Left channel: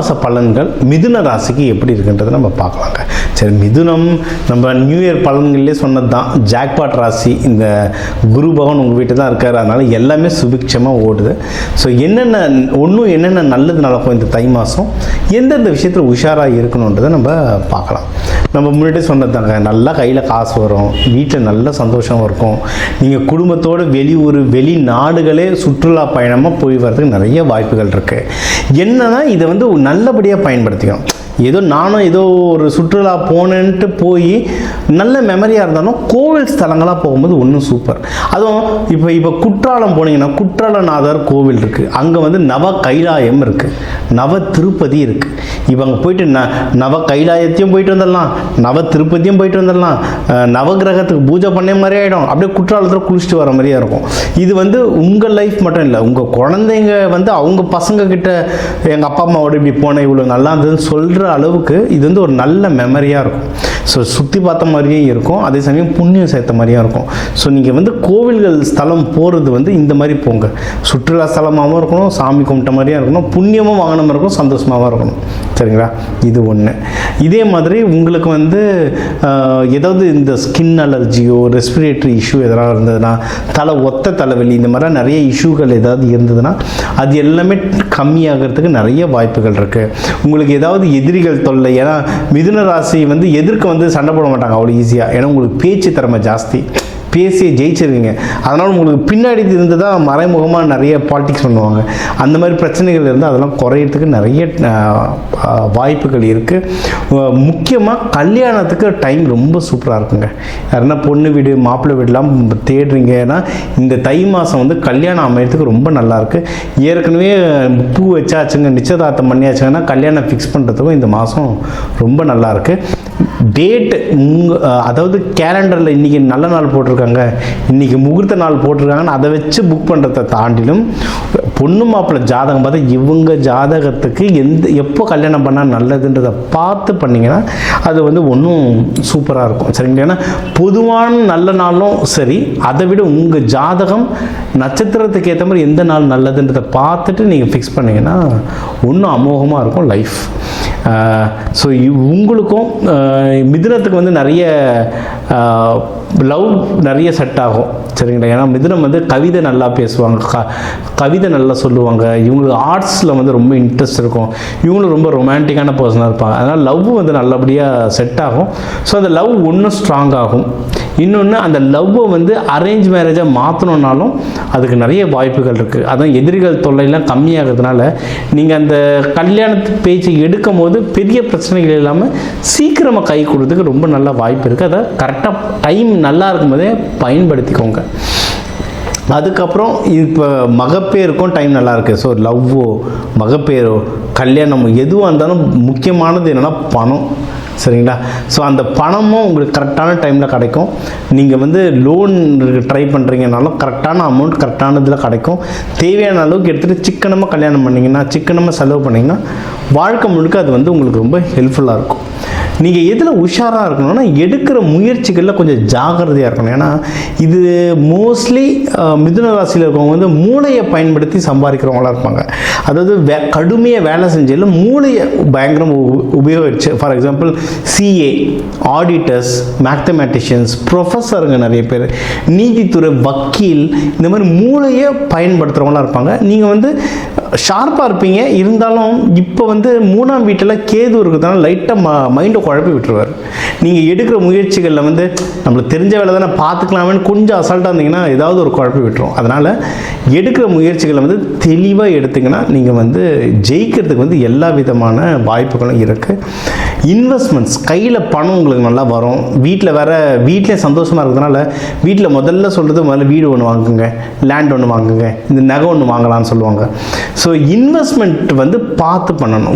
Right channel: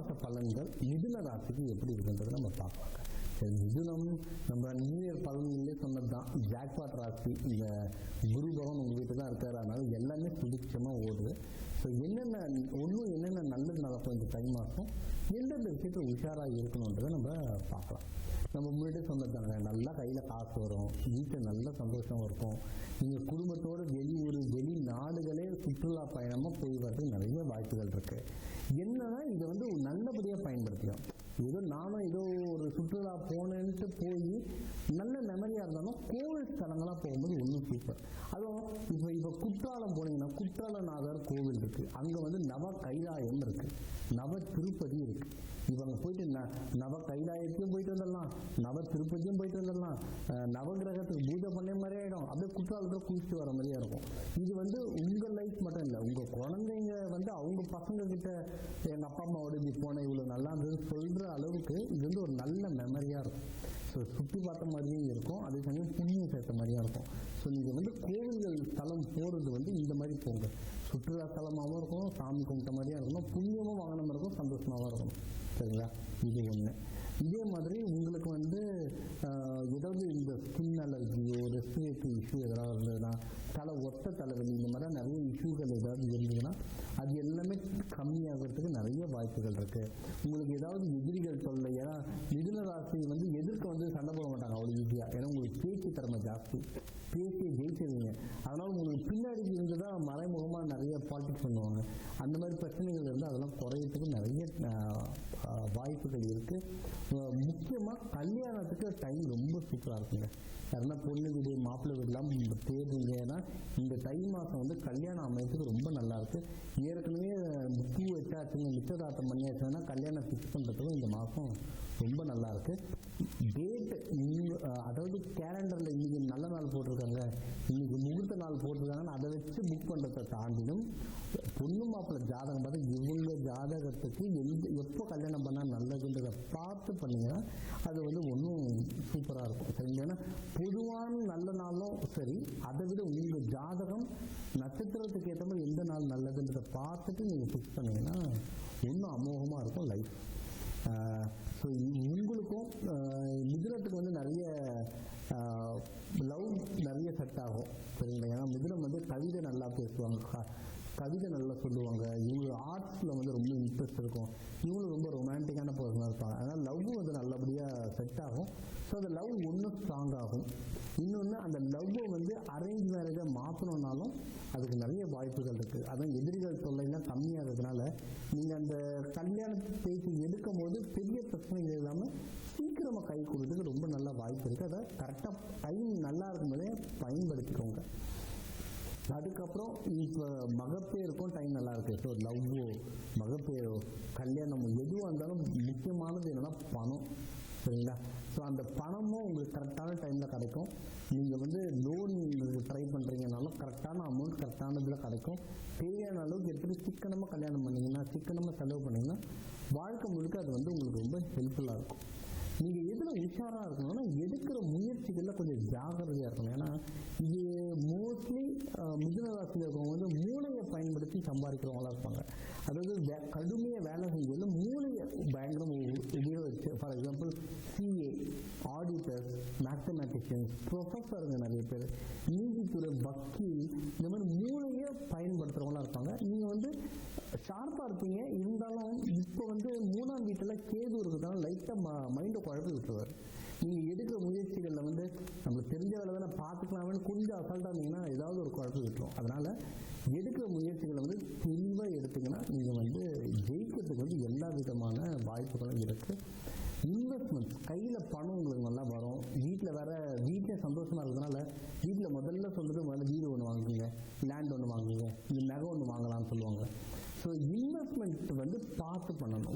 மாத பலன்கள் மிதுன ராசிக்கு எப்படி இருக்குன்றதை நம்ம பார்க்கலாங்க. சரி, மிதுனம் நம்ம நியூ இயர் பலன்கள்லேயே சொன்னது தான். ஜாக்பாட் ராசி, இந்த குரு பகவான் உங்கள் வீட்டில் தான் இருக்கார், அதனால் எல்லாமே சுபிக்ஷமாக ஓடுது. ஸோ என்னென்ன நல்லது நடக்கும் இந்த தை மாதம், எந்தெந்த விஷயத்தில் உஷாராக இருக்கணுன்றதை நம்ம பார்க்கலாம். நம்ம முன்னாடி சொன்னது தாங்க, நல்லா கையில் காசு வரும், வீட்டில் நல்ல சந்தோஷம் இருக்கும். நீங்கள் குடும்பத்தோடு வெளியூர் வெளிநாடுகளே சுற்றுலா பயணமாக போய் வரதுக்கு நிறைய வாய்ப்புகள் இருக்குது. என்னன்னா இதை வந்து நல்லபடியாக பயன்படுத்திக்கணும். நானும் ஏதோ ஒரு சுற்றுலா போனேன்ட்டு போய் நல்ல மெமரியாக இருந்தாலும் கோவில் ஸ்தலங்களாக போகும்போது ஒன்றும் சூப்பர். அதுவும் இப்போ குற்றாலம் போனீங்கன்னா குற்றாலநாதர் கோவில் இருக்குது, அங்கே வந்து நவ கைலாயம் இருக்குது, நவ திருப்பதி இருக்குது. இப்போ அங்கே போயிட்டு நவ கைலாயத்தையும் போயிட்டு வந்துடலாம், நவ திருப்பதியும் போயிட்டு வந்துடலாம், நவகிரகத்துக்கு பூஜை பண்ண மாதிரி ஆகிடும், அப்படியே குற்றாலத்தில் குளிச்சுட்டு வர மாதிரியாக இருக்கும். இது வந்து உங்கள் லைஃப் மட்டும் இல்லை, உங்கள் குழந்தைங்க வந்து அவங்க பசங்க கிட்ட எங்கள் அப்பா அம்மாவோட இப்படி போனேன் இவ்வளோ நல்லா இருந்ததுன்னு சொல்கிற அளவுக்கு இது வந்து ஒரு நல்ல மெமரியாக இருக்கும். ஸோ சுற்றி பார்த்த மாதிரியும் இருக்கும், அதே சமயம் புண்ணியம் சேர்த்த மாதிரியும் இருக்கும். ஸோ நீங்கள் வந்து கோவில்கள் ஸ்தலம் போகிறது வந்து இந்த மாதிரி போங்க, சுற்றுலா ஸ்தலமாகவும் இருக்கணும், சாமி கும்பிட்ட மாதிரியும் இருக்கணும், புண்ணியமும் வாங்கின மாதிரி இருக்கும், சந்தோஷமாகவும் இருக்கணும். சரிங்களா? இது ஒன்று. இதே மாதிரி உங்களுக்கு வந்து ஏதாவது இந்த ஸ்கின் அலர்ஜியோ ரெஸ்பிரேட்டரி இஷ்யூ எதனால் இருந்ததுன்னா, ஒத்த தலைவலி, இந்த மாதிரி நிறைய இஷ்யூகள் ஏதாவது இருந்ததுன்னா அது எல்லாமே கம்மியாகிறதுக்கு நிறைய வாய்ப்புகள் இருக்குது. உங்களுக்கு ஏதாவது எதிரிகள் தொல்லை, ஏன்னா மிதுன ராசி வந்து எதிர்க்க வந்து சண்டை போட மாட்டாங்க அவ்வளோ ஈஸியாக, ஏன்னா உங்களுக்கு பேச்சு திறமை ஜாஸ்தி, பேசியே ஜெயிச்சிருவீங்க. அதனால் உங்களுக்கு பின்னாடி இருந்து தான் மறைமுகமாக நிறைய பாலிடிக்ஸ் பண்ணுவாங்க. அந்த மாதிரி பிரச்சனைகள் இருந்தால் அதெல்லாம் குறையிறதுக்கு நிறைய வாய்ப்புகள் இருக்குது. முக்கியமாக கல்யாணத்துக்கு டைம் ரொம்ப சூப்பராக இருக்குங்க. யாருன்னா பொண்ணு வீடு மாப்பிள்ளை வீடெலாம் தேடுறீங்கன்னா இந்த தை மாதம் வந்து கல்யாணம் அமையறதுக்கு ரொம்ப நல்லாயிருக்கு. ஏற்கனவே பூ வச்சாச்சுங்க, நிச்சயதார்த்தம் பண்ணியாச்சுங்கன்னா கல்யாணம் ஃபிக்ஸ் பண்ணுறதுக்கும் இந்த மாதம் ரொம்ப நல்லாயிருக்கு. டேட்டு அதாவது கேலண்டரில் இன்றைக்கி நல்ல நாள் போட்டிருக்காங்க, இன்றைக்கி முகூர்த்த நாள் போட்டிருக்காங்கன்னு அதை வச்சு புக் பண்ணுறதை தாண்டிலும் பொண்ணு மாப்பிள்ளை ஜாதகம் பார்த்தா இவங்க ஜாதகத்துக்கு எப்போ கல்யாணம் பண்ணால் நல்லதுன்றதை பார்த்து பண்ணிங்கன்னா அது வந்து ஒன்றும் சூப்பராக இருக்கும். சரிங்களா? ஏன்னா பொதுவான நல்ல நாளும் சரி, அதை விட உங்கள் ஜாதகம் நட்சத்திரத்துக்கு ஏற்ற மாதிரி எந்த நாள் நல்லதுன்றதை பார்த்துட்டு நீங்கள் ஃபிக்ஸ் பண்ணிங்கன்னா ஒன்றும் அமோகமாக இருக்கும் லைஃப். ஸோ உங்களுக்கும் மிதுனத்துக்கு வந்து நிறைய லவ் நிறைய செட் ஆகும். சரிங்களா? ஏன்னா மிதுனம் வந்து கவிதை நல்லா பேசுவாங்க, கவிதை நல்லா சொல்லுவாங்க, இவங்களுக்கு ஆர்ட்ஸில் வந்து ரொம்ப இன்ட்ரெஸ்ட் இருக்கும், இவங்களும் ரொம்ப ரொமான்டிக்கான பர்சனாக இருப்பாங்க. அதனால் லவ் வந்து நல்லபடியாக செட் ஆகும். ஸோ அந்த லவ் ஒன்றும் ஸ்ட்ராங் ஆகும். இன்னொன்று, அந்த லவ்வை வந்து அரேஞ்ச் மேரேஜாக மாற்றணுன்னாலும் அதுக்கு நிறைய வாய்ப்புகள் இருக்குது. அதான் எதிரிகள் தொல்லையெல்லாம் கம்மியாகிறதுனால நீங்கள் அந்த கல்யாணத்து பேச்சு எடுக்கும் போது பெரிய பிரச்சனைகள் இல்லாமல் சீக்கிரமாக கை கொடுறதுக்கு ரொம்ப நல்ல வாய்ப்பு இருக்குது. அதை கரெக்டாக டைம் நல்லா இருக்கும்போதே பயன்படுத்திக்கோங்க. அதுக்கப்புறம் இப்போ மகப்பேருக்கும் டைம் நல்லா இருக்குது. ஸோ லவ்வோ மகப்பேரோ கல்யாணமோ எதுவாக இருந்தாலும் முக்கியமானது என்னென்னா பணம். சரிங்களா? ஸோ அந்த பணமும் உங்களுக்கு கரெக்டான டைமில் கிடைக்கும். நீங்கள் வந்து லோன் ட்ரை பண்ணுறீங்கனாலும் கரெக்டான அமௌண்ட் கரெக்டான இதில் கிடைக்கும். தேவையான அளவுக்கு எடுத்துகிட்டு சிக்கனமாக கல்யாணம் பண்ணிங்கன்னா, சிக்கனமாக செலவு பண்ணிங்கன்னா வாழ்க்கை முழுக்க அது வந்து உங்களுக்கு ரொம்ப ஹெல்ப்ஃபுல்லாக இருக்கும். நீங்கள் எதில் உஷாராக இருக்கணும்னா எடுக்கிற முயற்சிகளில் கொஞ்சம் ஜாகிரதையாக இருக்கணும். ஏன்னா இது மோஸ்ட்லி மிதுன ராசியில் இருக்கவங்க வந்து மூளையை பயன்படுத்தி சம்பாதிக்கிறவங்களாக இருப்பாங்க. அதாவது கடுமையாக வேலை செஞ்சாலும் மூளையை பயங்கரம் உபயோகிச்சு, ஃபார் எக்ஸாம்பிள் சிஏ, ஆடிட்டர்ஸ், மேத்தமேட்டிஷியன்ஸ், ப்ரொஃபஸருங்க நிறைய பேர், நீதித்துறை, வக்கீல், இந்த மாதிரி மூளையை பயன்படுத்துகிறவங்களாக இருப்பாங்க. நீங்கள் வந்து ஷார்ப்பாக இருப்பீங்க. இருந்தாலும் இப்போ வந்து 3ஆம் வீட்டில் கேது இருக்கிறதுனால லைட்டாக மைண்டை குழப்பி விட்டுருவார். நீங்கள் எடுக்கிற முயற்சிகளில் வந்து நம்மளுக்கு தெரிஞ்ச வேலை தானே பார்த்துக்கலாமேன்னு கொஞ்சம் அசால்ட்டாக இருந்தீங்கன்னா ஏதாவது ஒரு குழப்பி விட்டுரும். அதனால் எடுக்கிற முயற்சிகளை வந்து தெளிவாக எடுத்திங்கன்னா நீங்கள் வந்து ஜெயிக்கிறதுக்கு வந்து எல்லா விதமான வாய்ப்புகளும் இருக்குது. இன்வெஸ்ட்மெண்ட்ஸ், கையில் பணம் உங்களுக்கு நல்லா வரும். வீட்டிலே சந்தோஷமாக இருக்கிறதுனால வீட்டில் முதல்ல சொல்கிறது முதல்ல வீடு ஒன்று வாங்குங்க, லேண்ட் ஒன்று வாங்குங்க, இந்த நகை ஒன்று வாங்கலான்னு சொல்லுவாங்க. ஸோ இன்வெஸ்ட்மெண்ட் வந்து பார்த்து பண்ணணும்.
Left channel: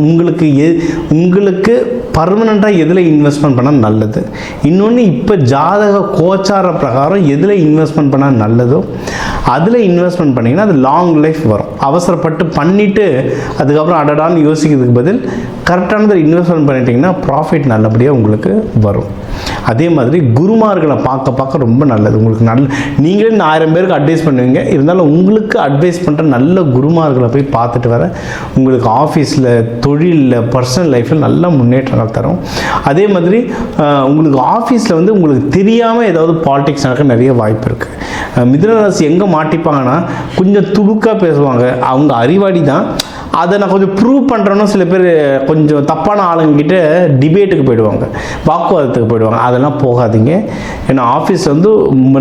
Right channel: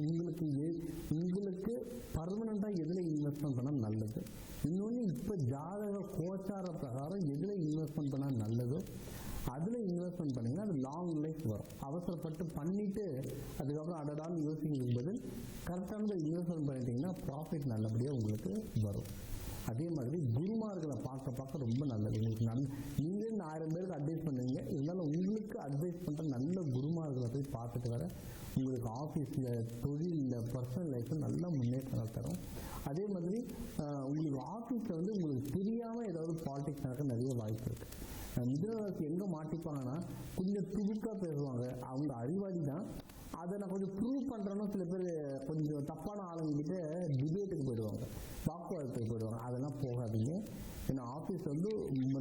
உங்களுக்கு பர்மனெண்ட்டாக எதில் இன்வெஸ்ட்மெண்ட் பண்ணால் நல்லது. இன்னொன்று, இப்போ ஜாதக கோச்சார பிரகாரம் எதில் இன்வெஸ்ட்மெண்ட் பண்ணால் நல்லதோ அதில் இன்வெஸ்ட்மெண்ட் பண்ணிங்கன்னா அது லாங் லைஃப் வரும். அவசரப்பட்டு பண்ணிவிட்டு அதுக்கப்புறம் அடடான்னு யோசிக்கிறதுக்கு பதில் கரெக்டானதை இன்வெஸ்ட்மெண்ட் பண்ணிட்டீங்கன்னா ப்ராஃபிட் நல்லபடியாக உங்களுக்கு வரும். அதே மாதிரி குருமார்களை பார்க்க ரொம்ப நல்லது. உங்களுக்கு நீங்களே 1000 பேருக்கு அட்வைஸ் பண்ணுவீங்க, இருந்தாலும் உங்களுக்கு அட்வைஸ் பண்ணுற நல்ல குருமார்களை போய் பார்த்துட்டு வர உங்களுக்கு ஆஃபீஸில், தொழிலில், பர்சனல் லைஃப்பில் நல்ல முன்னேற்றங்கள் தரும். அதே மாதிரி உங்களுக்கு ஆஃபீஸில் வந்து உங்களுக்கு தெரியாமல் ஏதாவது பாலிடிக்ஸ் நடக்க நிறைய வாய்ப்பு இருக்குது. மிதுன ராசி எங்கே மாட்டிப்பாங்கன்னா, கொஞ்சம் துடுக்காக பேசுவாங்க. அவங்க அறிவாளி தான், அதை நான் கொஞ்சம் ப்ரூவ் பண்ணுறேன்னா சில பேர் கொஞ்சம் தப்பான ஆளுங்கிட்ட டிபேட்டுக்கு போயிடுவாங்க, வாக்குவாதத்துக்கு போயிடுவாங்க. அதெல்லாம் போகாதீங்க. ஏன்னா ஆஃபீஸ் வந்து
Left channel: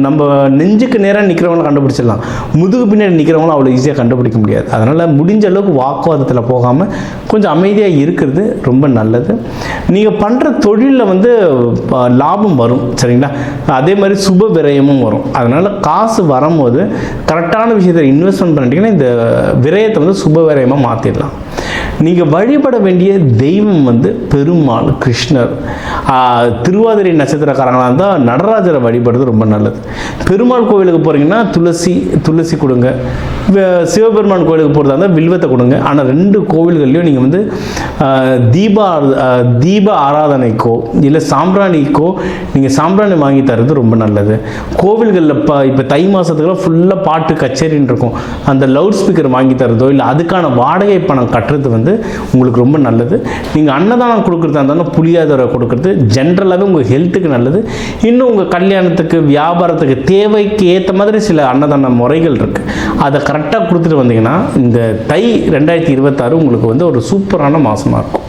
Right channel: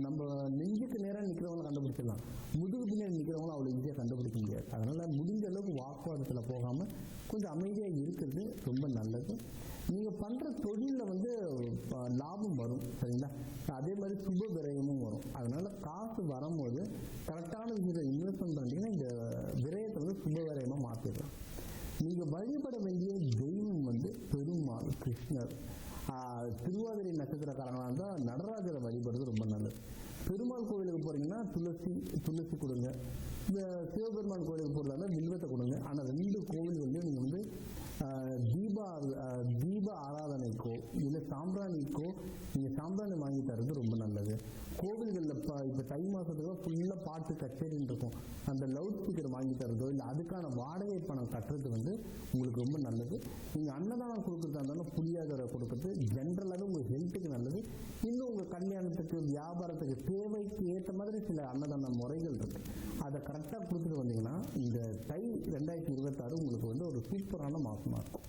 நம்ம நெஞ்சுக்கு நேராக நிற்கிறவங்கள கண்டுபிடிச்சிடலாம், முதுகு பின்னாடி நிற்கிறவங்களும் அவ்வளோ ஈஸியாக கண்டுபிடிக்க முடியாது. அதனால் முடிஞ்ச அளவுக்கு வாக்குவாதத்தில் போகாமல் கொஞ்சம் அமைதியாக இருக்கிறது ரொம்ப நல்லது. நீங்கள் பண்ணுற தொழிலில் வந்து லாபம் வரும், சரிங்களா? அதே மாதிரி சுப விரயமும் வரும். அதனால் காசு வரும்போது கரெக்டான விஷயத்தை இன்வெஸ்ட்மெண்ட் பண்ணிட்டீங்கன்னா இந்த விரயத்தை வந்து சுப விரயமாக மாற்றிடலாம். நீங்கள் வழிபட வேண்டிய தெய்வம் வந்து பெருமாள், கிருஷ்ணர். திருவாதிரை நட்சத்திரக்காரங்களாக இருந்தால் நடராஜரை வழிபடுறது ரொம்ப நல்லது. பெருமாள் கோவிலுக்கு போகிறீங்கன்னா துளசி கொடுங்க. சிவபெருமான் கோவிலுக்கு போகிறதா இருந்தால் வில்வத்தை கொடுங்க. ஆனால் 2 கோவில்கள்லையும் நீங்கள் வந்து தீப ஆராதனைக்கோ இல்லை சாம்பிராணிக்கோ நீங்கள் சாம்பிராணி வாங்கி தரது ரொம்ப நல்லது. கோவில்களில் இப்போ தை மாதத்துக்குலாம் ஃபுல்லாக பாட்டு கச்சேரின்னு இருக்கும், அந்த லவுட் ஸ்பீக்கர் வாங்கி தரதோ இல்லை அதுக்கான வாடகை பணம் கட்டுறது வந்து உங்களுக்கு ரொம்ப நல்லது. நீங்கள் அன்னதானம் கொடுக்குறதா இருந்தாலும் புளியாதரை கொடுக்குறது ஜென்ரலாகவே உங்கள் ஹெல்த்துக்கு நல்லது. இன்னும் உங்கள் கல்யாணத்துக்கு, வியாபாரத்துக்கு, தேவைக்கு ஏற்ற மாதிரி சில அன்னதான முறைகள் இருக்குது. அதை கரெக்டாக கொடுத்துட்டு வந்தீங்கன்னா இந்த தை 2026 உங்களுக்கு வந்து ஒரு சூப்பரான மாதமாக இருக்கும்.